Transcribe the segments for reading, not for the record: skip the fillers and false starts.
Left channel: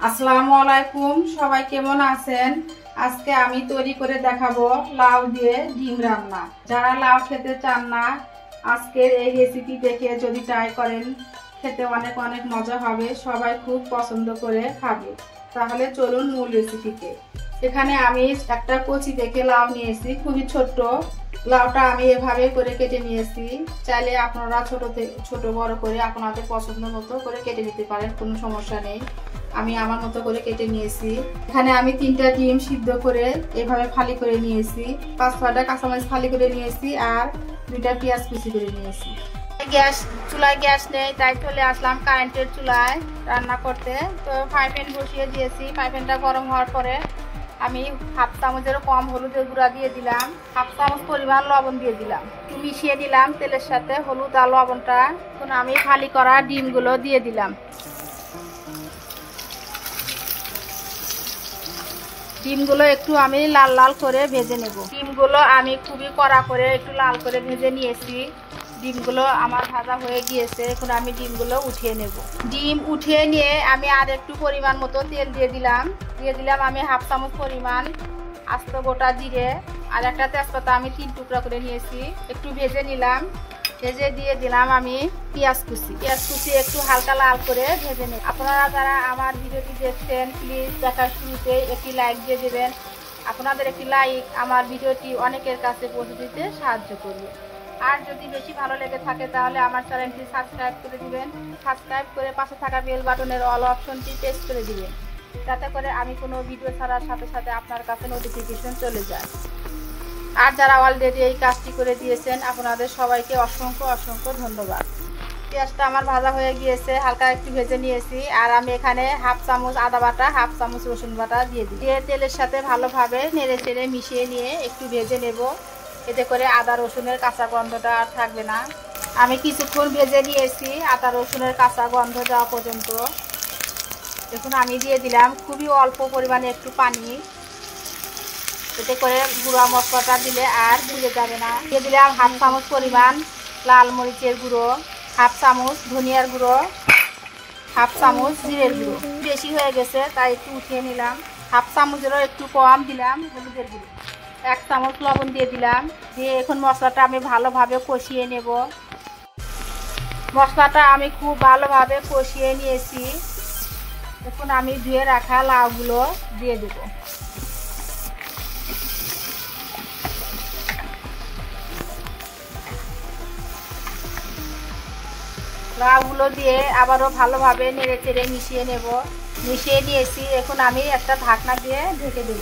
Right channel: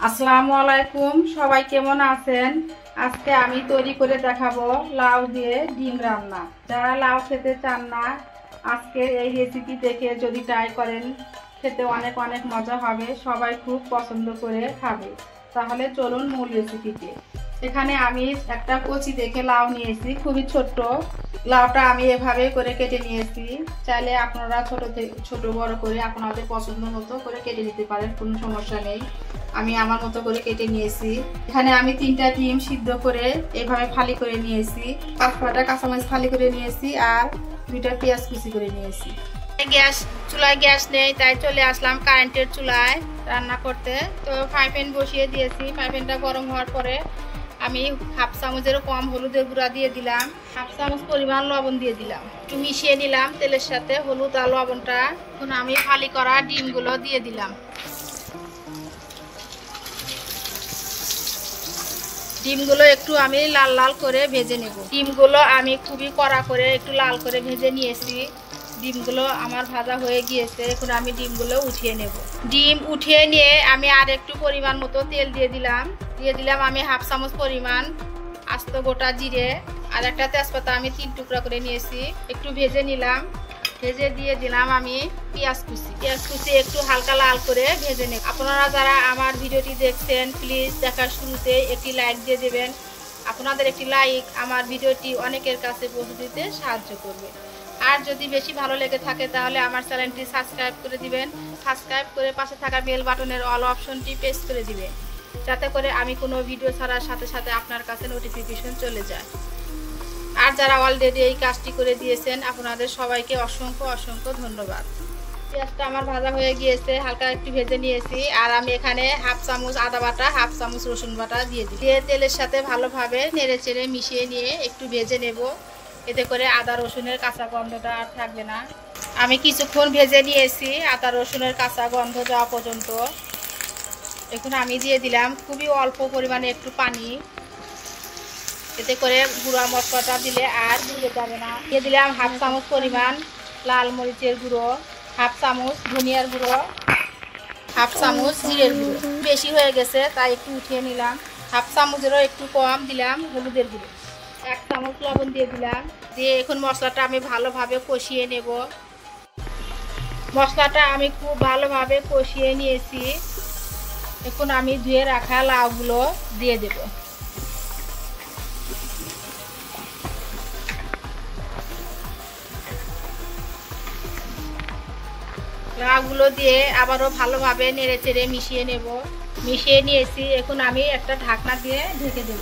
আসসালামু আলাইকুম, সবাই কেমন আছেন? আজকে আমি তৈরি করে দেখাবো লাউ দিয়ে ডিম রান্না। যারা লাউ খেতে চান না, আজকের এই রেসিপি দেখে যদি ট্রাই করেন, খেতে অনেক অনেক মজা হবে, সবাই খুব পছন্দ করে খাবে। তাহলে চলুন মূল রেসিপিতে। এখানে আমি একটা কচি দেখে লাউ নিয়েছি, খুবই ছোট্ট। লাউটা আমি এভাবে করে কেটে নিয়েছি। চাইলে আপনারা ছোট বড় করে আপনাদের পছন্দ মতো করে কেটে নিতে পারেন, কোনো সমস্যা নেই। আমি আমার মতো করে কেটে নিয়েছি। এখানে আমি 3টা ডিম সিদ্ধ করে এভাবে ফালি করে নিয়েছি, 5-6টা কাঁচামরিচ ফালি করে নিয়েছি, আর 2টা পেঁয়াজ কুচি করে নিয়েছি। চুলায় গ্যাস নেই, তাই চলে আসলাম কারেন্টের চুলায় রান্না করতে। তো ফ্রাই প্যান বসিয়ে দিয়েছি। ফ্রাই প্যানটা গরম হওয়ার পরে আমি 1/2 চামচেরও কম হলুদের গুঁড়া দিয়ে দিলাম, 1/2 চামচ পরিমাণ লবণ দিয়ে দিলাম, একটু মিশিয়ে নিলাম তেলের সাথে হলুদ আর লবণটা। এখন আমি ফালি করা ডিমগুলো দিয়ে দিলাম। ডিমগুলো একটু আমি লাল লাল করে ভেজে নেব। ডিমগুলো আমি খুবই কড়া করে একটু লাল করে ভেজে নিয়েছি। ডিমগুলো আমার ভাজা হয়ে গিয়েছে। এখন আমি ডিমগুলো উঠিয়ে নেব। ডিম উঠিয়ে নিয়ে আমি আর একটু পরিমাণ মতো তেল দিয়ে দিলাম। আমি 1/2 চামচ পরিমাণ আস্ত গোটা জিরে, আর একটা তেজপাতা আমি 3 টুকরা করে নিয়েছি, একটু ভেজে নিলাম। ভেজে দিয়ে দিলাম আমি পেঁয়াজ কুচি একটু হালকা লাল করে ভেজে নেব। আপনারা যারা আমার ভিডিওটি দেখছেন, প্লিজ দেখার শুরুতে একটি লাইক দিয়ে দেবেন। আপনাদের একটি লাইক আমার ভিডিওটি অনেকের কাছে পৌঁছে দিতে সাহায্য করবে। আর যদি বেশি ভালো লেগে থাকে তাহলে আমার চ্যানেলটি সাবস্ক্রাইব করে দিবেন। সাবস্ক্রাইব করে পাশে থাকা বেল বাটনের অল অপশনটি প্রেস করে দিবেন, যাতে করে আমি কোনো ভিডিও ছাড়ার সাথে সাথে আপনার কাছে নোটিফিকেশন চলে যায়। আর যারা অলরেডি এই কাজটি করে দিয়েছেন, আপনাদের সবাইকে অসংখ্য অসংখ্য ধন্যবাদ। পেঁয়াজটা আমার ভাজা হয়ে গিয়েছে, হালকা একটু ভেজে নিয়েছি। আর আমি এখানে 1/2 চামচ আদা বাটা, 1/2 চামচ রসুন বাটা দিয়ে তেলের সাথে ভালোভাবে নেড়ে চেড়ে মিশিয়ে নিয়ে একটু ভেজে নেব। এতে করে আদা রসুনের কাঁচা গন্ধটা আর থাকবে না। আমি কিছুক্ষণ ভেজে নিয়েছি আদা রসুনের কাঁচা গন্ধ যাওয়া পর্যন্ত। এখন আমি দিয়ে দিলাম খুবই অল্প পরিমাণে একটু পানি। এতে করে গুঁড়া মশলাটা দিলে আর ভুলে যাবে না। দিয়ে দিলাম 1/2 চামচ পরিমাণ লাল মরিচের গুঁড়ো, 1/2 চামচ ধনিয়ার গুঁড়ো, 1/2 চামচ জিরের গুঁড়ো। বেশি হয়ে গেছে তাই একটু উঠিয়ে নিলাম। 1/2 চামচেরও একটু কম দিলাম হলুদের গুঁড়ো, 1 চামচ লবণ দিয়ে দিলাম। দিয়ে এখন মশলাটা আমি ভালোভাবে কষিয়ে নেব। মশলাটা আমি খুব ভালোভাবে কষিয়ে নিয়েছি। এখন আমি ধুয়ে রাখা লাউগুলো দিয়ে দেব। লাউগুলো দিয়ে আবারও ভালোভাবে নেড়ে চেড়ে মিশিয়ে নেব। মিশিয়ে নিয়েছি। এখন আমি একটা ঢাকনা দিয়ে ঢেকে দেব।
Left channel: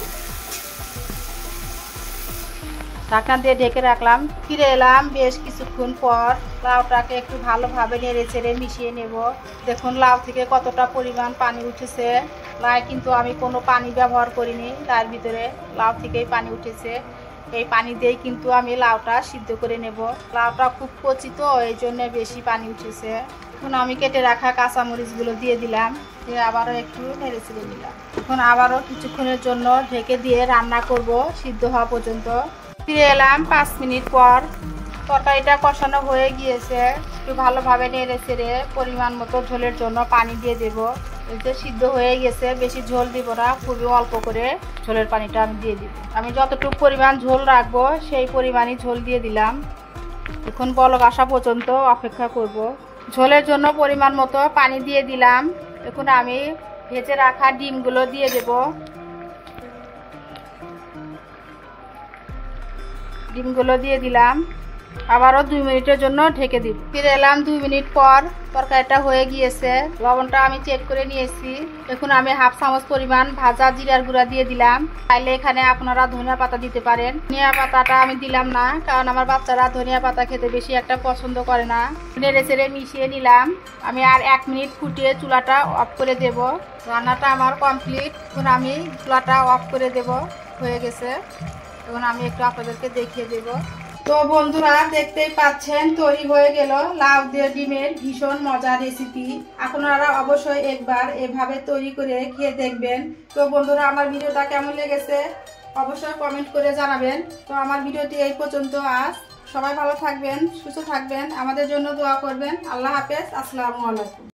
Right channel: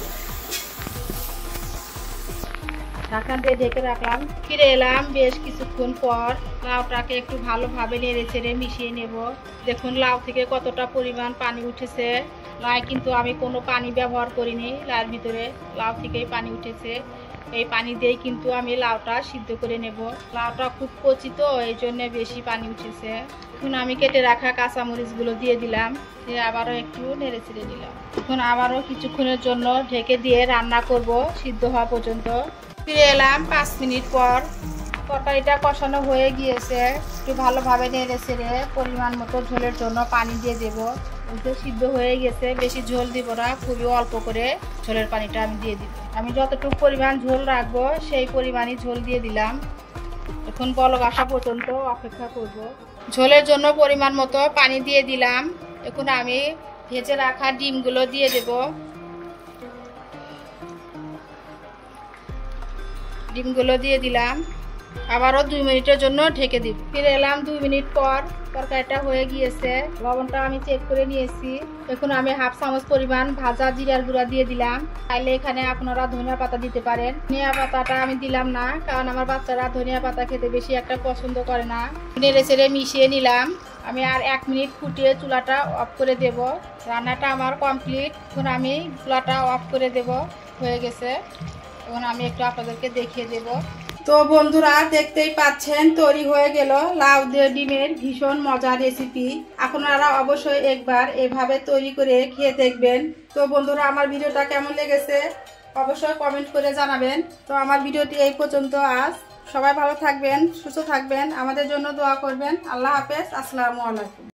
ঢাকনা দিয়ে ঢেকে রাখলাম। ফিরে এলাম বেশ কিছুক্ষণ পর। লাউটাকে একটু ভালোভাবে নেড়ে চেড়ে মিশিয়ে নেব। দেখুন লাউ থেকে কতটা পরিমাণ পানি উঠেছে। লাউ কিন্তু আমি কোনো পানি ব্যবহার করিনি, লাউর ভিতরে লাউ থেকেই পানি উঠেছে। এই পানি দিয়েই কিন্তু আমি লাউটা সিদ্ধ করে নেব। লাউটা খুব কচি তো, এই জন্য বেশি পানি উঠেছে। এখন আমি কেটে রাখা কাঁচামরিচগুলো দিয়ে দিলাম, দিয়ে আবারও একটু নেড়ে চেড়ে দিলাম। এখন আবারও কিছুক্ষণের জন্য ঢেকে দিয়ে রান্না করব সিদ্ধ হওয়া পর্যন্ত। ফিরে এলাম 5 মিনিট পর। তরকারিটা কষানো হয়ে গিয়েছে। একটু ভালোভাবে নেড়ে চেড়ে পরিমাণ মতো ঝোলের জন্য পানি দিয়ে দেব। সিদ্ধ হয়ে গেছে, বেশি ঝোল দিব না, খুবই অল্প করে ঝোলের পানিটা আমি দিয়ে দিব। আমি যতটুকু পরিমাণ ঝোল রাখবো সেই পরিমাণই ঝোল দিয়ে দিলাম। এখন বলক আসা পর্যন্ত অপেক্ষা করব। ঝোলের জন্য পরিমাণ মতো পানি দিয়ে দিলাম। এখন আমি ভেজে রাখা ডিমগুলো দিয়ে দেব। ডিমগুলো দিয়ে দিলাম। আবারও 2 মিনিটের জন্য ঢেকে দিব। ফিরে এলাম 2 মিনিট পর। তরকারিটা হয়ে গিয়েছে। লবণটা আমি চেক করে নিয়েছি। এখন আমি 1/2 চামচ পরিমাণ ভাজা জিরার গুঁড়া দিয়ে দিলাম। চাইলে এখানে আপনারা ধনিয়া পাতা দিতে পারেন। ধনিয়া পাতাটা আমি দিলাম না, কারণ আমার বাচ্চারা ধনিয়া পাতা খেতে বেশি একটা পছন্দ করে না। নেড়ে চেড়ে মিশিয়ে নিলাম। আমি আর 1 মিনিট ফুটিয়ে চুলাটা অফ করে দেব। রান্নাটা আমার কমপ্লিট। এখন আমি চুলাটা অফ করে দেব। হয়ে গেছে। এখন আমি একটু আপনাদেরকে দেখিয়ে দেব। তো বন্ধুরা, দেখতেই পাচ্ছেন তৈরি হয়ে গেল লাউ দিয়ে ডিমের ভীষণ মজার রেসিপি। আপনারা অবশ্যই একবার এভাবে তৈরি করে খেয়ে দেখবেন। তো বন্ধুরা, আমার ভিডিওটা কেমন লেগেছে অবশ্যই কমেন্ট করে জানাবেন। তো আমার ভিডিওটি এই পর্যন্ত আজ। সবাই ভালো থাকবেন, সুস্থ থাকবেন, আমাদের জন্য দোয়া করবেন। আল্লাহ হাফেজ। আসসালামু আলাইকুম।